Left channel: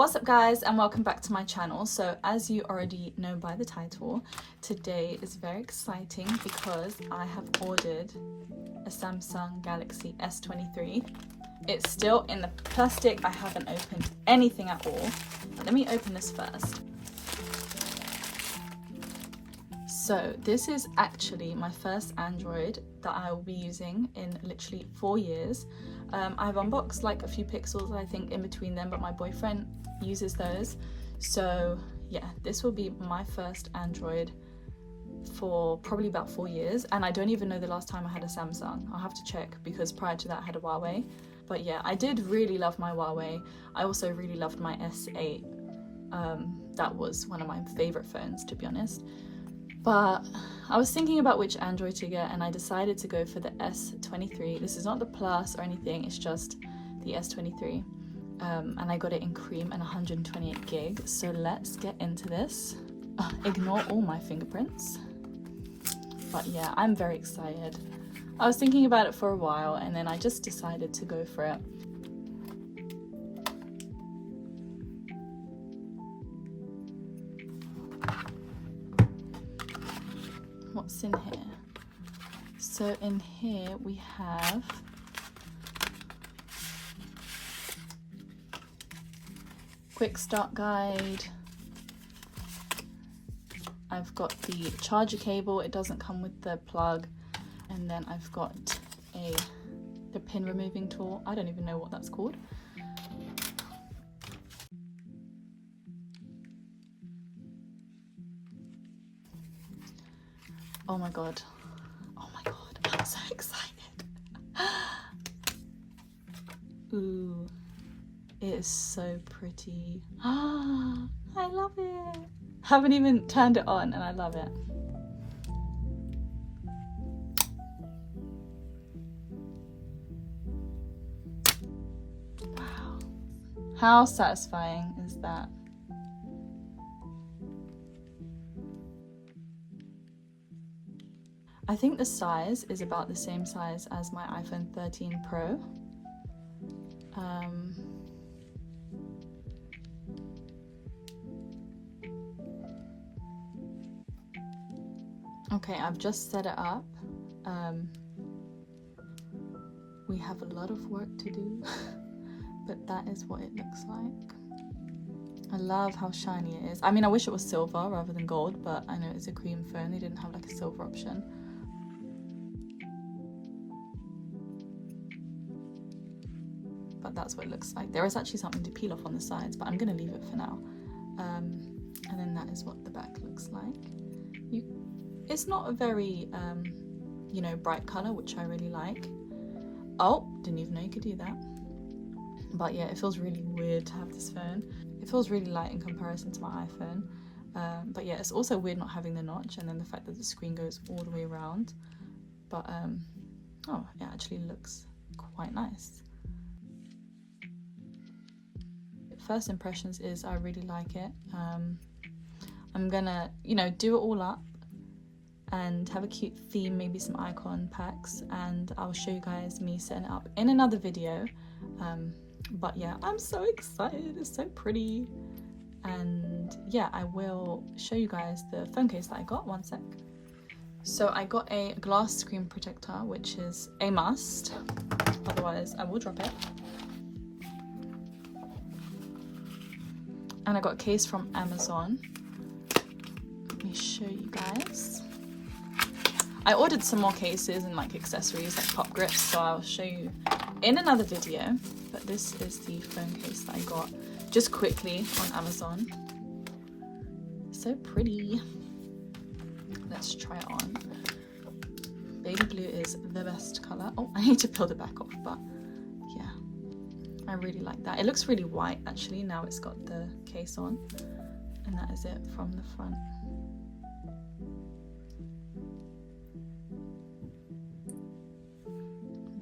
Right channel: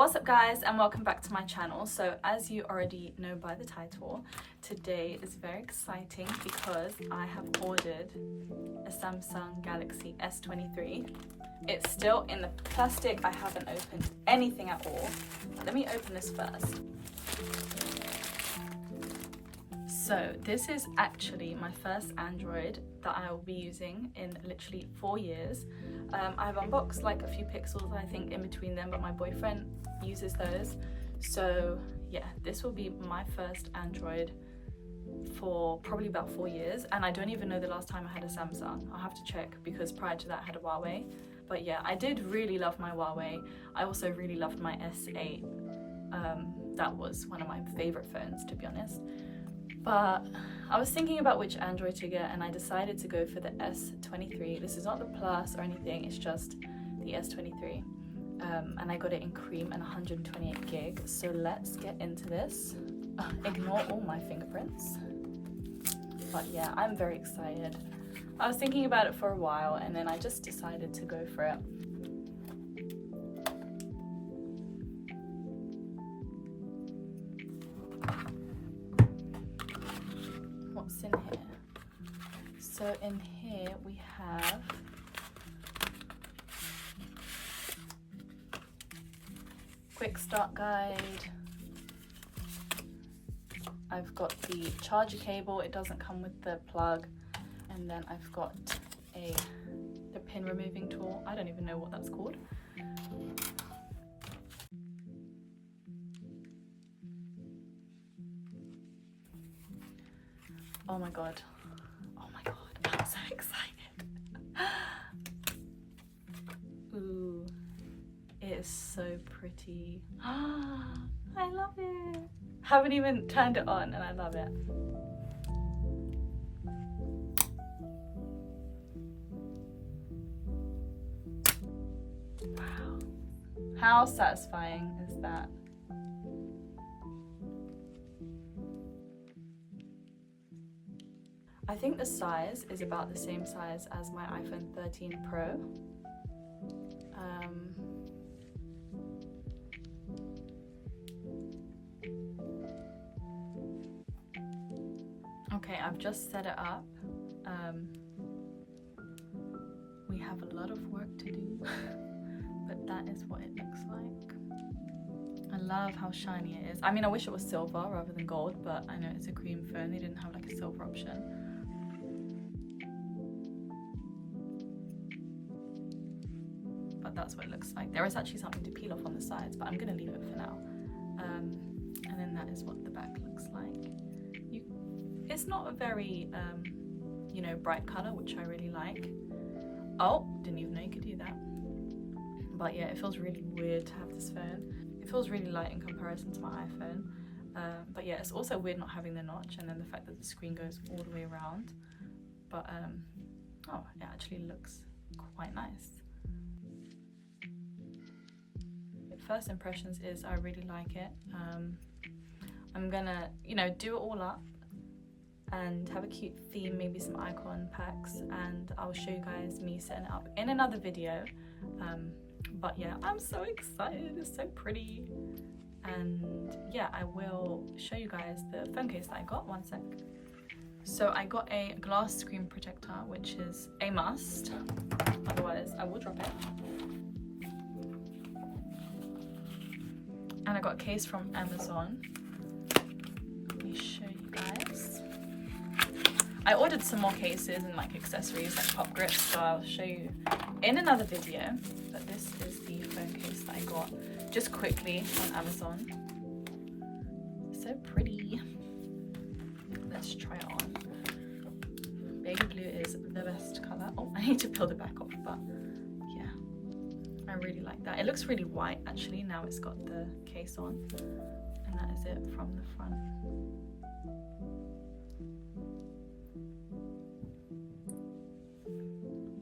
What's up guys, and welcome back to my channel. So as you already know by the title, today is very exciting because I have ordered a Samsung Galaxy S23. It's still in the plastic. I haven't opened anything at all. Let me open this first. So this is actually my first Android that I will be using in literally 4 years. I've unboxed like a few Pixels, I think, in between them, but my boyfriend uses those. So yeah, this will be my first Android for probably about 4 years, and I don't even know the last time I had a Samsung. I'll have to check because prior to that I had a Huawei. But yeah, I did really love my Huawei. I also really loved my S8. That was one of my favorite phones, to be honest. But I was thinking about which Android to get, and I decided to go for the S23. This is not the Plus or anything, it's just the S23. And I got it in cream and 128 gig. So let's get into this. Ignore all my fingerprints. But yeah, I'm very excited. I was thinking about it for a while and then I just decided to go for it. What's in here? So in here we have quick start guide. I've got the charger cable. It doesn't come with the plug. And then I've got the pin removing tool. I don't even know what that's called. Oh my god. Oh my god. I'm so excited. Ooh. It is so pretty. I love it. Haven't even turned it on and I love it. Wow. How satisfying is that? I think the size is about the same size as my iPhone 13 Pro. Okay, I've just set it up. We have a lot of work to do, but that is what it looks like. I love how shiny it is. I mean, I wish it was silver rather than gold, but I know it's a cream phone. They didn't have like a silver option. But that's what it looks like. There is actually something to peel off on the sides, but I'm gonna leave it for now. And then that is what the back looks like. It's not a very, you know, bright color, which I really like. Oh, didn't even know you could do that. But yeah, it feels really weird to have this phone. It feels really light in comparison to my iPhone. But yeah, it's also weird not having the notch, and then the fact that the screen goes all the way around. But oh, it actually looks quite nice. First impressions is I really like it. I'm gonna, you know, do it all up and have a cute theme, maybe some icon packs, and I'll show you guys me setting it up in another video. But yeah, I'm so excited. It's so pretty. And yeah, I will show you guys the phone case that I got. One sec. So I got a glass screen protector, which is a must, otherwise I will drop it. And I got a case from Amazon. Let me show you guys. I ordered some more cases and like accessories like pop grips, so I'll show you in another video. But this is the phone case that I got just quickly on Amazon. So pretty. Let's try it on. Baby blue is the best color. Oh, I need to peel it back off, but yeah, I really like that. It looks really white actually. Now it's got the case on, and that is it from the front.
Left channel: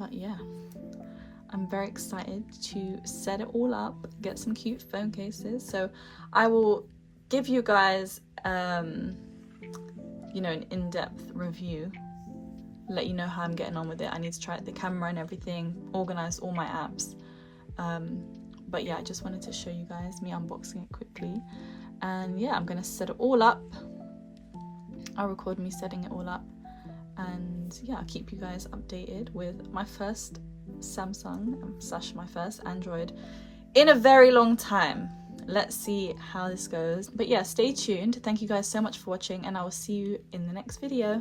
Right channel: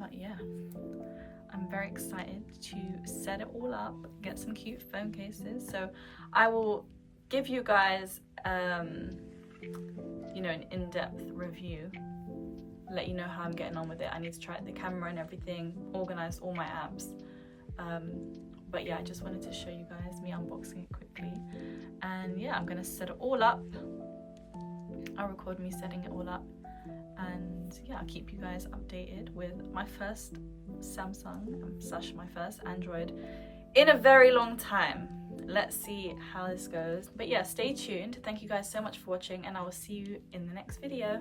But yeah, I'm very excited to set it all up, get some cute phone cases. So I will give you guys you know, an in-depth review, let you know how I'm getting on with it. I need to try out the camera and everything, organize all my apps. But yeah, I just wanted to show you guys me unboxing it quickly. And yeah, I'm gonna set it all up. I'll record me setting it all up, and yeah, I'll keep you guys updated with my first Samsung / my first Android in a very long time. Let's see how this goes. But yeah, stay tuned. Thank you guys so much for watching, and I will see you in the next video.